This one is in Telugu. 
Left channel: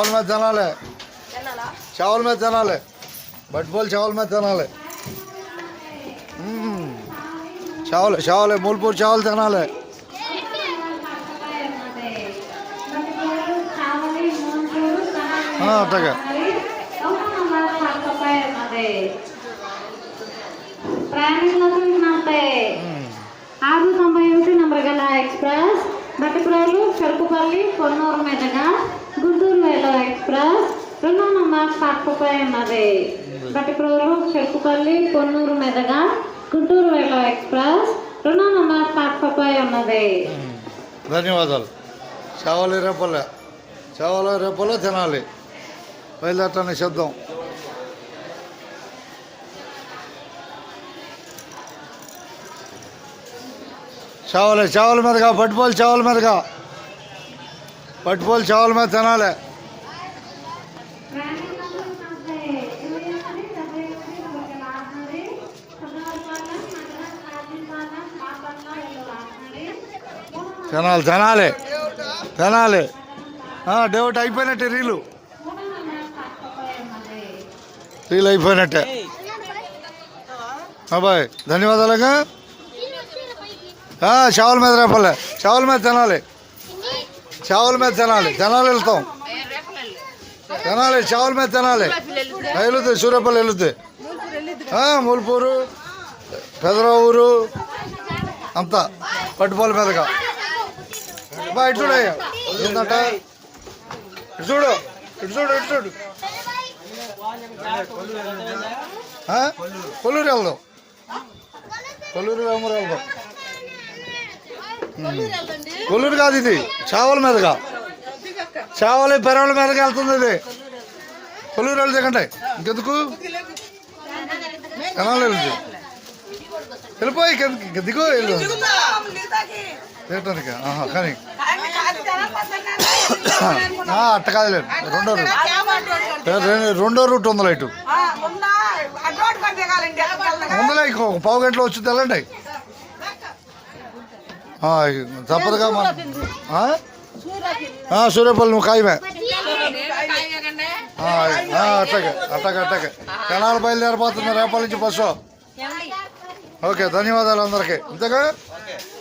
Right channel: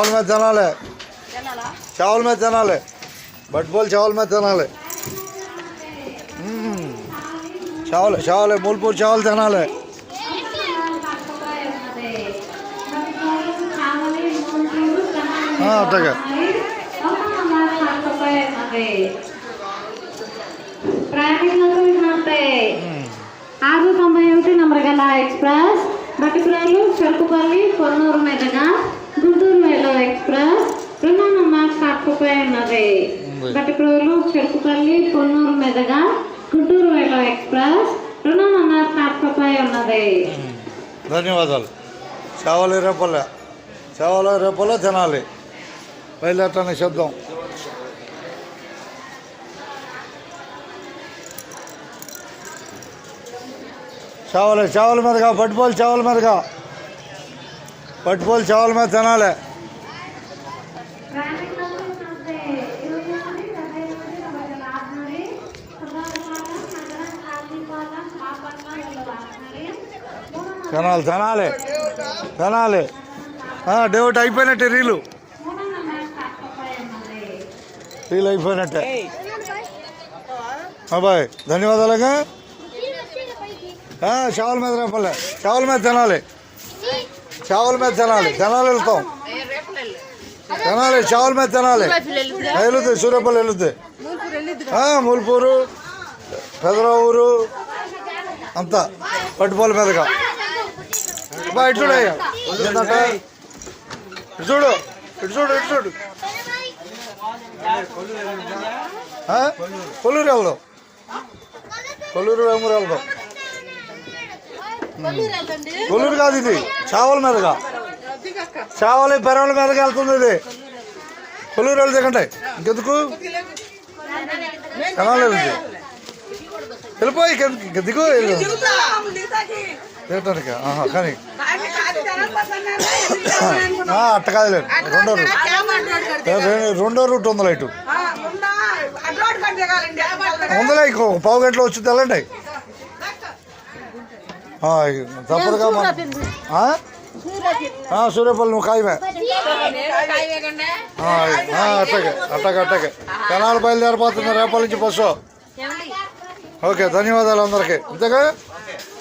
चावल में चना ले चावल में चना ले भटबोल चावल में चना ले चावल चावल मूलपुर चावल चना ले हाँ तक एक्सप्रेस बट्टिपुरालू చెరుకుపల్లి కొన్నూరు మీదుగా గుంటూరు వేలో ఎక్స్ప్రెస్ 2 నంబర్ స్టాప్పై ఉన్నది. బట్టిపురాలూ చెరుకుపల్లి కొన్నూరు మీదుగా గుంటూరు వేలో ఎక్స్ప్రెస్ 2 నంబర్ స్టాప్పై ఉన్నది. ధన్యవాదాలు. చావల రేపల్ల తినాలి. బయలుదేరటానికి సిద్ధం. चावल में का फुटबॉल चावल में का फुटबॉल चावल में चनाले चनाले चनाले चनाले हाँ डेवट అయిపోయినట్టే రీల్ అయిపోయినట్టే. అబ్బాయి ధన్యవాదాలుగా. चावल में रेपल्ले चावल में चनाले వెళ్తాం తినాలి. చావల్ మీద తినాలి. వెళ్తే సూర్యపల్లి వెళ్తే మూలపూరు పెదరావూరు అంతా పట్టుపల్లి మీదగా బా ఇటుడయ్యా ఏంటంట చూడు ఇటు కొల్లూరు వెళ్దాం. కొల్లూరు వేమూరు వెళ్దాం. కొల్లూరు కాదు ఇది చావల మీదగా చావలి పెరవల మీదగా వెళ్తుంది. ఇది కొల్లూరు వెళ్తే ఇంకెందుకు కనాలి వెళ్ళిపోయి దిగు తినటానికి. కానీ అట్ట కాదులేదు రెండో రూట్ ఉందిలే ఇటు ఉందిలే ఇంకో పావు గంటలో వచ్చి తెల్లండి. తప్పదుగా సూర్యపల్లి నువ్వు ఖాయమే అట్టగే జనాలు బయలుదేరిపోతున్నారు రేపటి నుంచి బస్సు. ఓకే ధన్యవాదాలు అందరికీ. ఇంతగా